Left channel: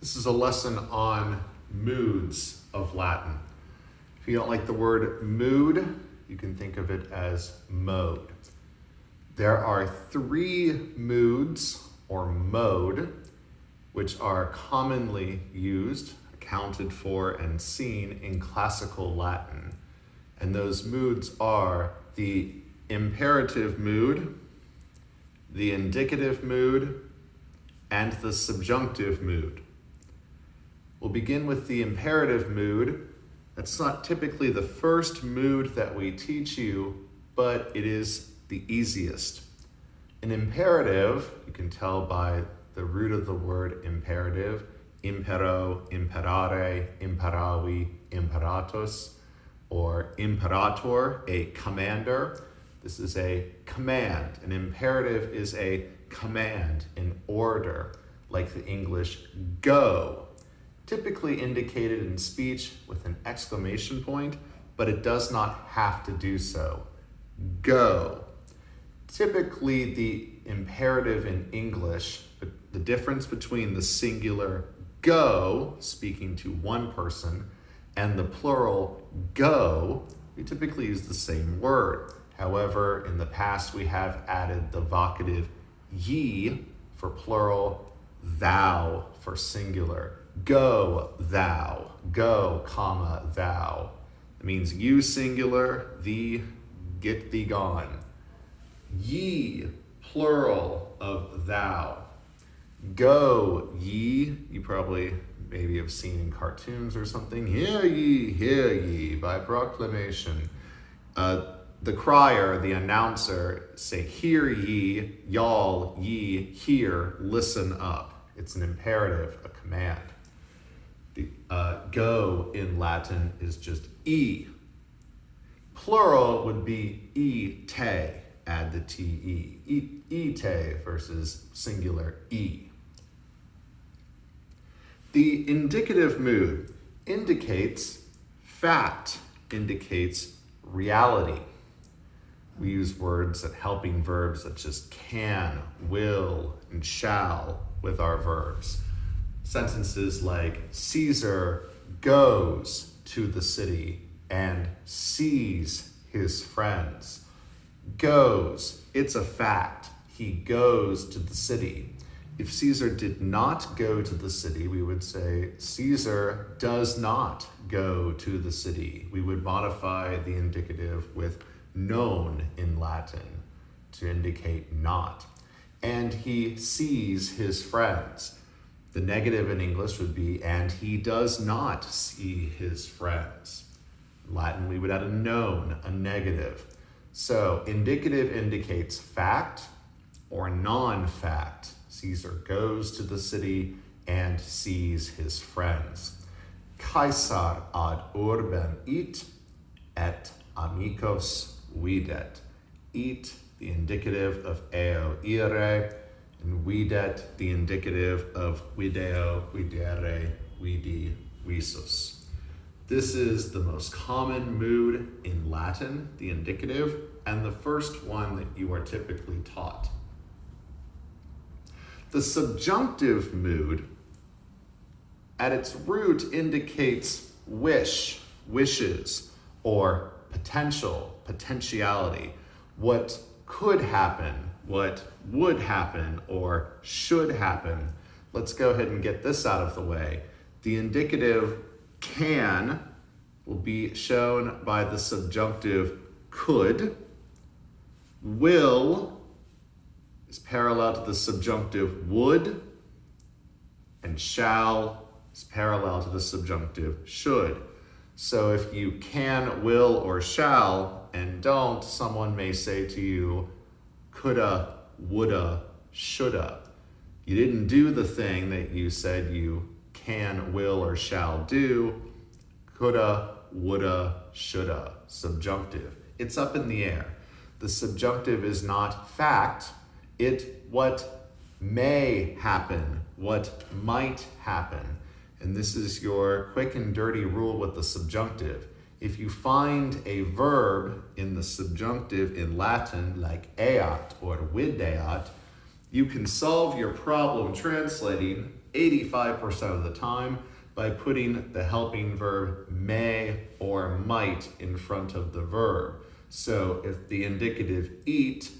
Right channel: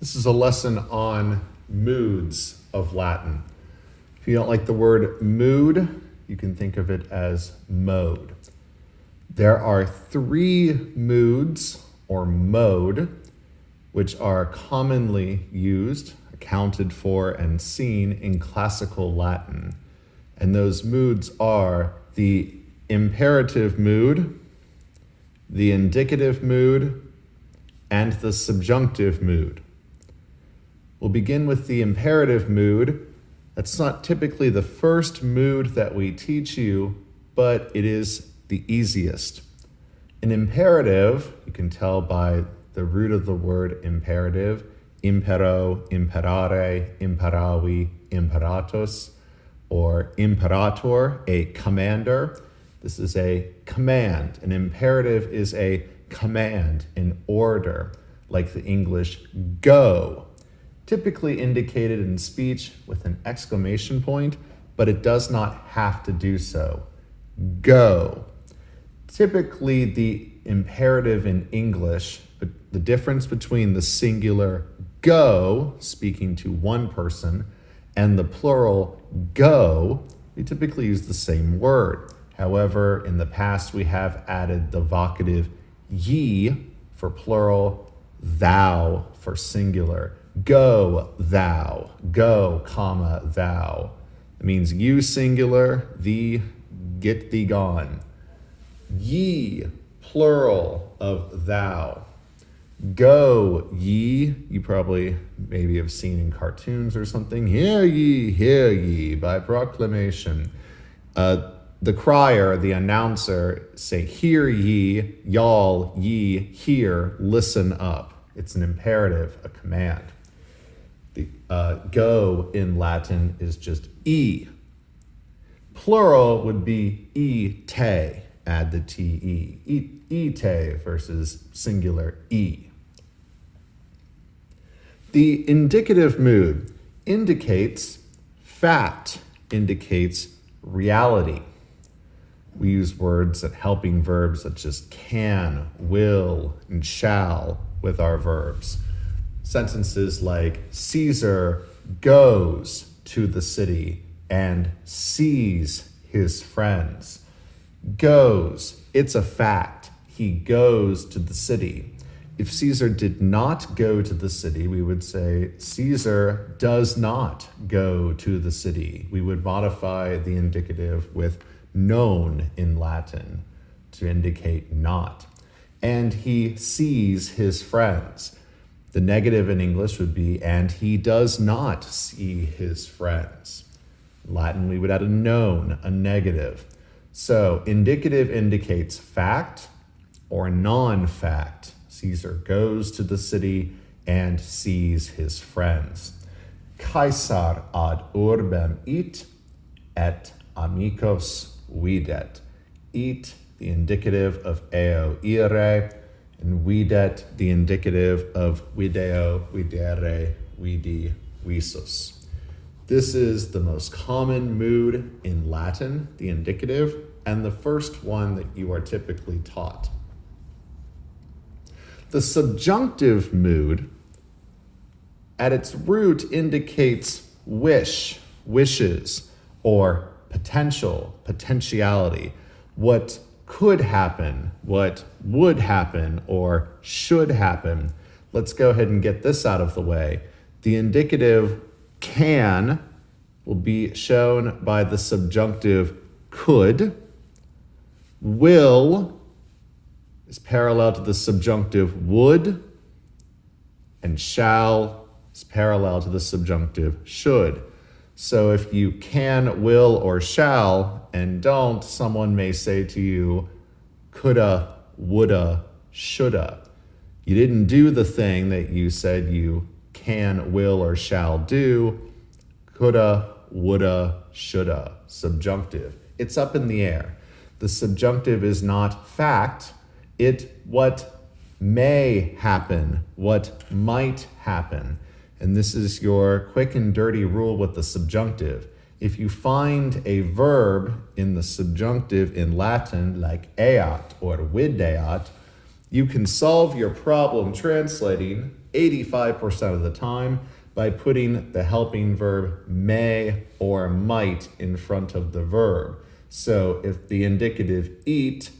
This is a lesson on moods of Latin. If you don't like the word mood, you can think of it as mode. There are three moods or mode which are commonly used, accounted for, and seen in classical Latin. And those moods are the imperative mood, the indicative mood, and the subjunctive mood. We'll begin with the imperative mood. That's not typically the first mood that we teach you, but it is the easiest. An imperative, you can tell by the root of the word imperative, impero, imperare, imperavi, imperatus, or imperator, a commander. This is a command. An imperative is a command, an order, like the English go. Typically indicated in speech with an exclamation point, but it does not have to do so. Go. Typically, the imperative in English, the difference between the singular go, speaking to one person, and the plural go, we typically use the same word. However, in the past, we have added the vocative ye for plural, thou for singular. Go, thou. Go, comma, thou. It means you singular, thee, get thee gone. Ye, plural of thou. Go, ye. You probably maybe have seen in cartoons or something. Hear ye, by proclamation. The crier, the announcer, say, hear ye, y'all, ye, hear, listen up. It's an imperative, a command. The go in Latin is just e. Plural would be te, add the te. Ite versus singular e. The indicative mood indicates fact, indicates reality. We use words that helping verbs such as can, will, and shall with our verbs. Sentences like Caesar goes to the city and sees his friends. Goes, it's a fact. He goes to the city. If Caesar did not go to the city, we would say Caesar does not go to the city. We would modify the indicative with known in Latin to indicate not. And he sees his friends. The negative in English would be, and he does not see his friends. In Latin, we would add a known, a negative. So indicative indicates fact or non-fact. Caesar goes to the city and sees his friends. Caesar ad urbem it, et amicos videt. It, the indicative of eo ire, and videt, the indicative of video, videre, vidi, visus. This is the most common mood in Latin, the indicative, and the first one that you are typically taught. The subjunctive mood, at its root, indicates wish, wishes, or potential, potentiality, what could happen, what would happen, or should happen. Let's go ahead and get this out of the way. The indicative can will be shown by the subjunctive could. Will is parallel to the subjunctive would, and shall is parallel to the subjunctive should. So if you can, will, or shall, and don't, someone may say to you, coulda, woulda, shoulda. You didn't do the thing that you said you can, will, or shall do. Coulda, woulda, shoulda. Subjunctive. It's up in the air. The subjunctive is not fact. It what may happen, what might happen. And this is your quick and dirty rule with the subjunctive. If you find a verb in the subjunctive in Latin, like eat or videat, You can solve your problem translating 85% of the time by putting the helping verb may or might in front of the verb. So if the indicative eat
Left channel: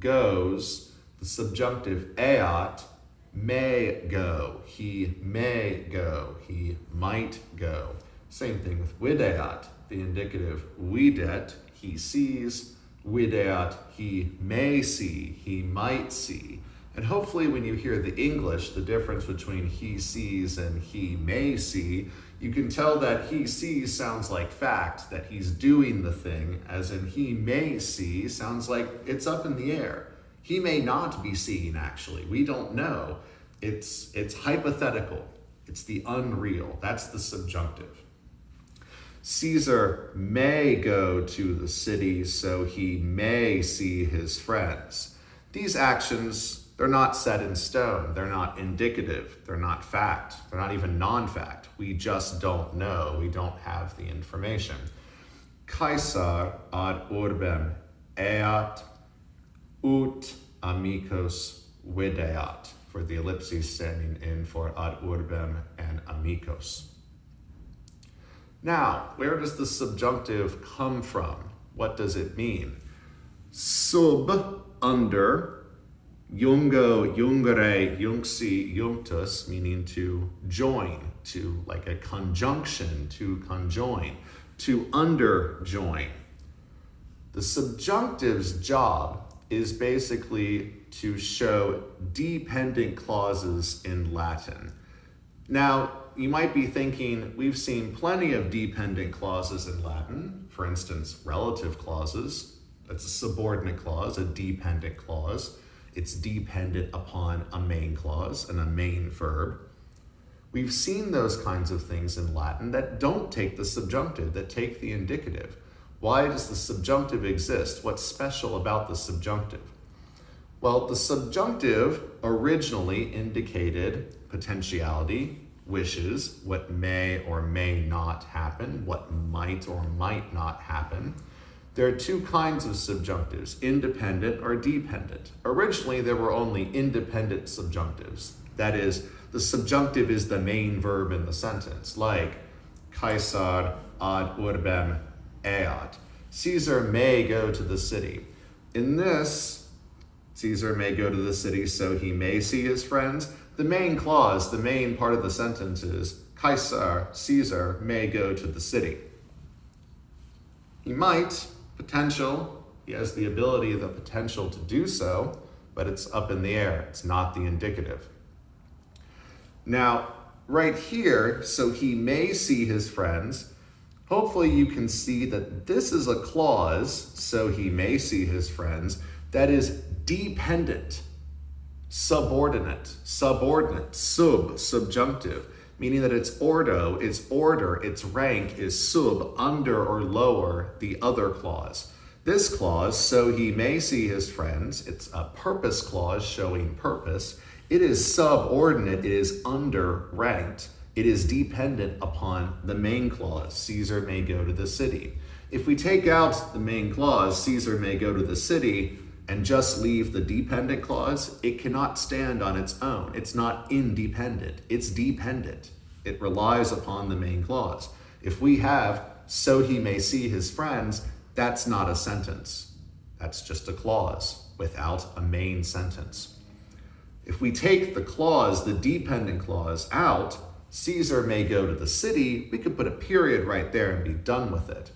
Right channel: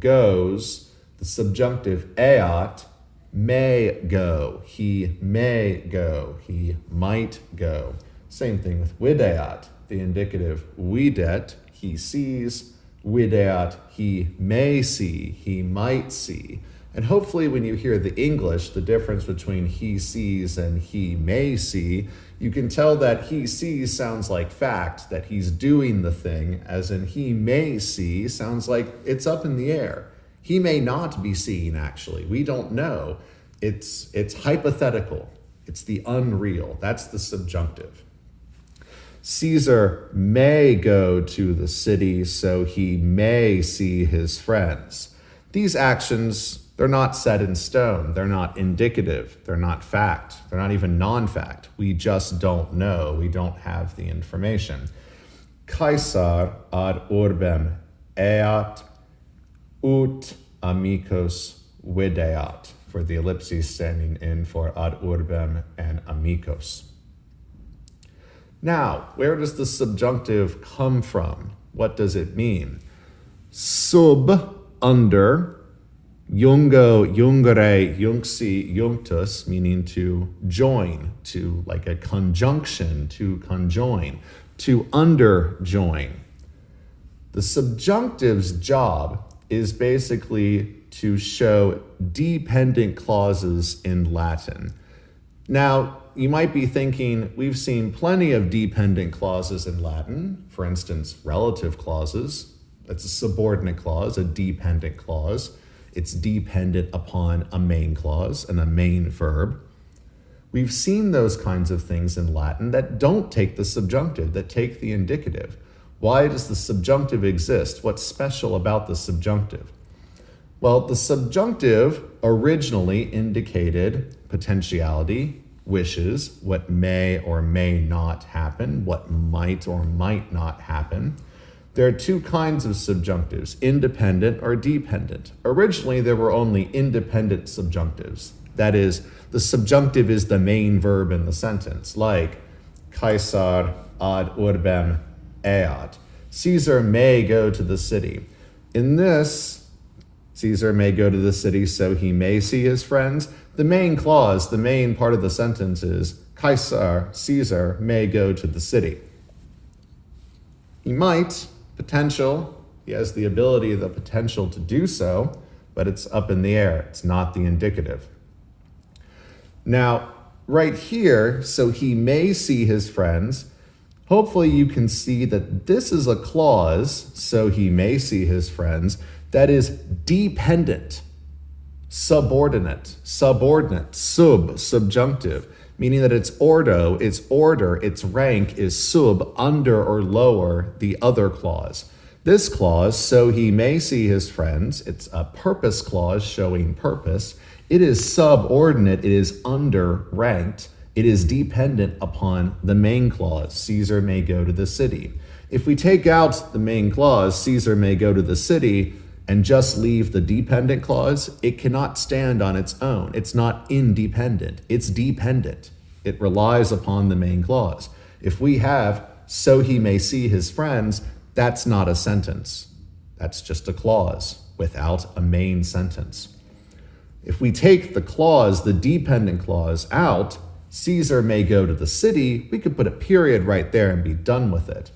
goes, the subjunctive eat may go. He may go. He might go. Same thing with videat. The indicative videt, he sees. Videat, he may see. He might see. And hopefully when you hear the English, the difference between he sees and he may see, you can tell that he sees sounds like fact, that he's doing the thing, as in he may see sounds like it's up in the air. He may not be seeing, actually. We don't know. It's hypothetical. It's the unreal. That's the subjunctive. Caesar may go to the city, so he may see his friends. These actions, they're not set in stone. They're not indicative. They're not fact. They're not even non-fact. We just don't know. We don't have the information. Caesar ad urbem eat ut amicos videat, for the ellipses standing in for ad urbem and amicos. Now, where does the subjunctive come from? What does it mean? Sub, under, jungo, jungere, junxi, junctus, meaning to join, to like a conjunction, to conjoin, to underjoin. The subjunctive's job is basically to show dependent clauses in Latin. Now, you might be thinking, we've seen plenty of dependent clauses in Latin. For instance, relative clauses. That's a subordinate clause, a dependent clause. It's dependent upon a main clause and a main verb. We've seen those kinds of things in Latin that don't take the subjunctive, that take the indicative. Why does the subjunctive exist? What's special about the subjunctive? Well, the subjunctive originally indicated potentiality, wishes, what may or may not happen, what might or might not happen. There are two kinds of subjunctives, independent or dependent. Originally, there were only independent subjunctives. That is, the subjunctive is the main verb in the sentence, like Caesar ad urbem eat. Caesar may go to the city. In this, Caesar may go to the city so he may see his friends. The main clause, the main part of the sentence is Caesar may go to the city. He might, potential, he has the ability, the potential to do so, but it's up in the air. It's not the indicative. Now, right here, so he may see his friends, hopefully you can see that this is a clause, so he may see his friends, that is dependent, subordinate, subjunctive, meaning that its ordo, its order, its rank is sub, under or lower the other clause. This clause, so he may see his friends, it's a purpose clause showing purpose. It is subordinate, it is under-ranked, it is dependent upon the main clause, Caesar may go to the city. If we take out the main clause, Caesar may go to the city, and just leave the dependent clause, it cannot stand on its own. It's not independent, it's dependent. It relies upon the main clause. If we have, so he may see his friends, that's not a sentence. That's just a clause without a main sentence. If we take the clause, the dependent clause, out, Caesar may go to the city, we could put a period right there and be done with it.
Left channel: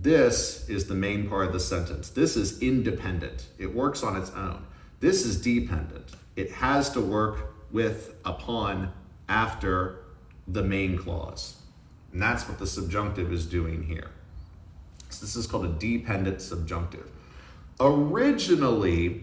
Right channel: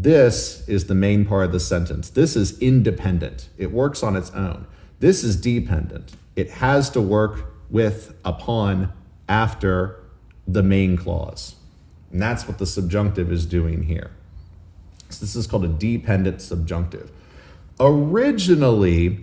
This is the main part of the sentence. This is independent. It works on its own. This is dependent. It has to work with, upon, after the main clause. And that's what the subjunctive is doing here. So this is called a dependent subjunctive. Originally,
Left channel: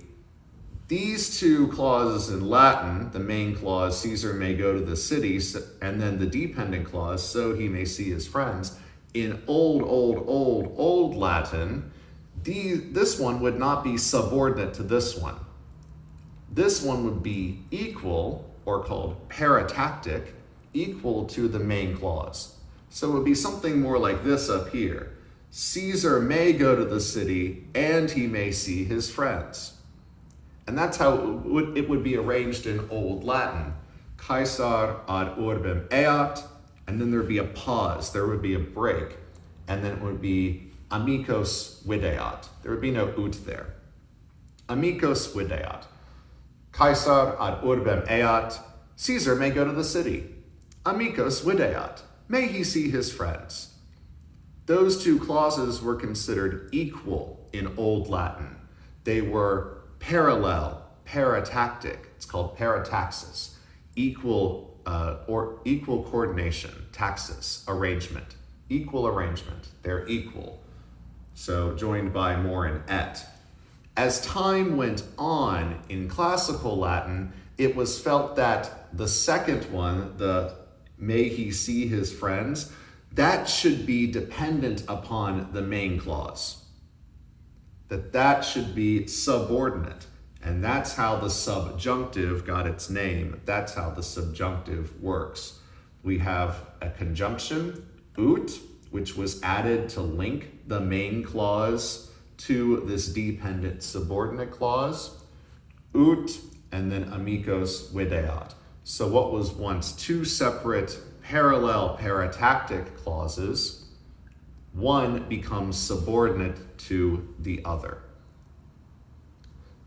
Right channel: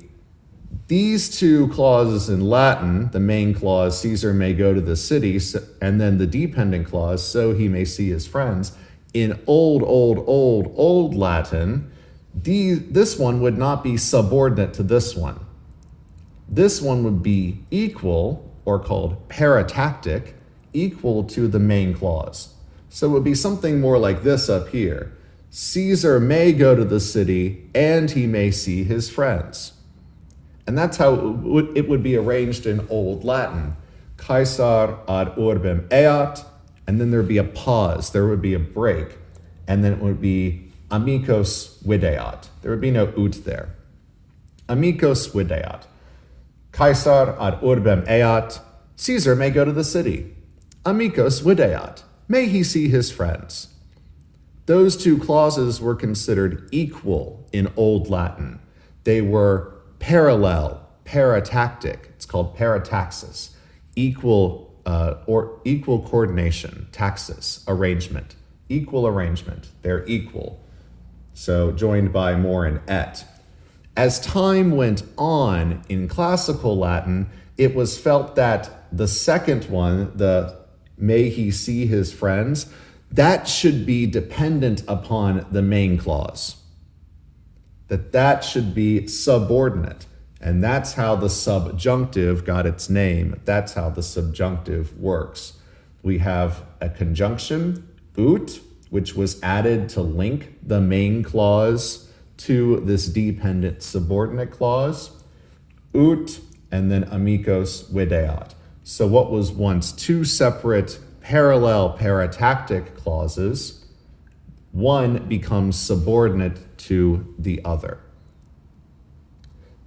these two clauses in Latin, the main clause, Caesar may go to the city, and then the dependent clause, so he may see his friends, in old Latin, this one would not be subordinate to this one. This one would be equal, or called paratactic, equal to the main clause. So it would be something more like this up here. Caesar may go to the city, and he may see his friends. And that's how it would be arranged in Old Latin. Caesar ad urbem eat, and then there'd be a pause, there would be a break, and then it would be amicos videat. There would be no ut there. Amicos videat. Caesar ad urbem eat. Caesar may go to the city. Amicos videat. May he see his friends. Those two clauses were considered equal in Old Latin. They were parallel, paratactic. It's called parataxis. Equal coordination, taxis, arrangement. Equal arrangement. They're equal. So joined by more in et. As time went on in classical Latin, it was felt that the second one, the may he see his friends, that should be dependent upon the main clause. That should be subordinate. And that's how the subjunctive got its name. That's how the subjunctive works. We have a conjunction, ut, which was added to link the main clause to this dependent subordinate clause, ut, and then amicos videat. So what was once two separate parallel paratactic clauses, one becomes subordinate to the other.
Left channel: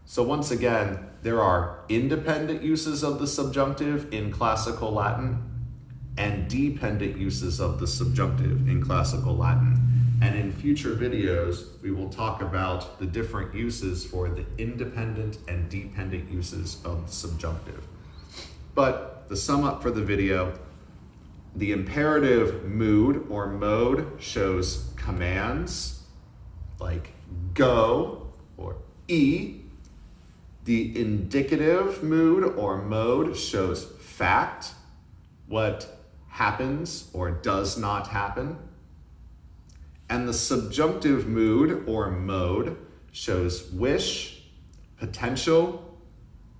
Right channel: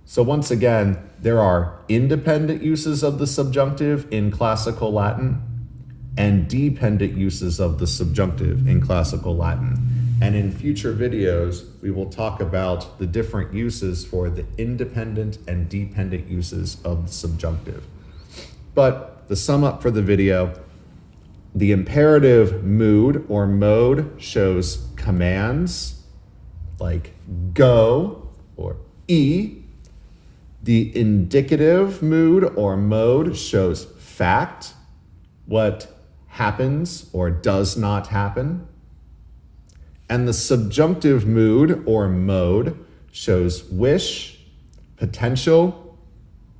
So once again, there are independent uses of the subjunctive in classical Latin and dependent uses of the subjunctive in classical Latin. And in future videos, we will talk about the different uses for the independent and dependent uses of the subjunctive. But to sum up for the video, the imperative mood or mode shows commands like go or e. The indicative mood or mode shows fact, what happens or does not happen. And the subjunctive mood or mode shows wish, potential,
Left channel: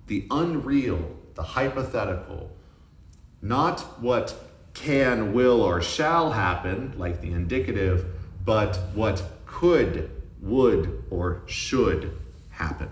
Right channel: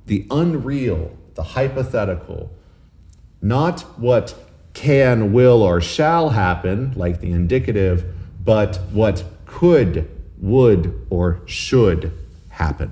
the unreal, the hypothetical, not what can, will, or shall happen, like the indicative, but what could, would, or should happen.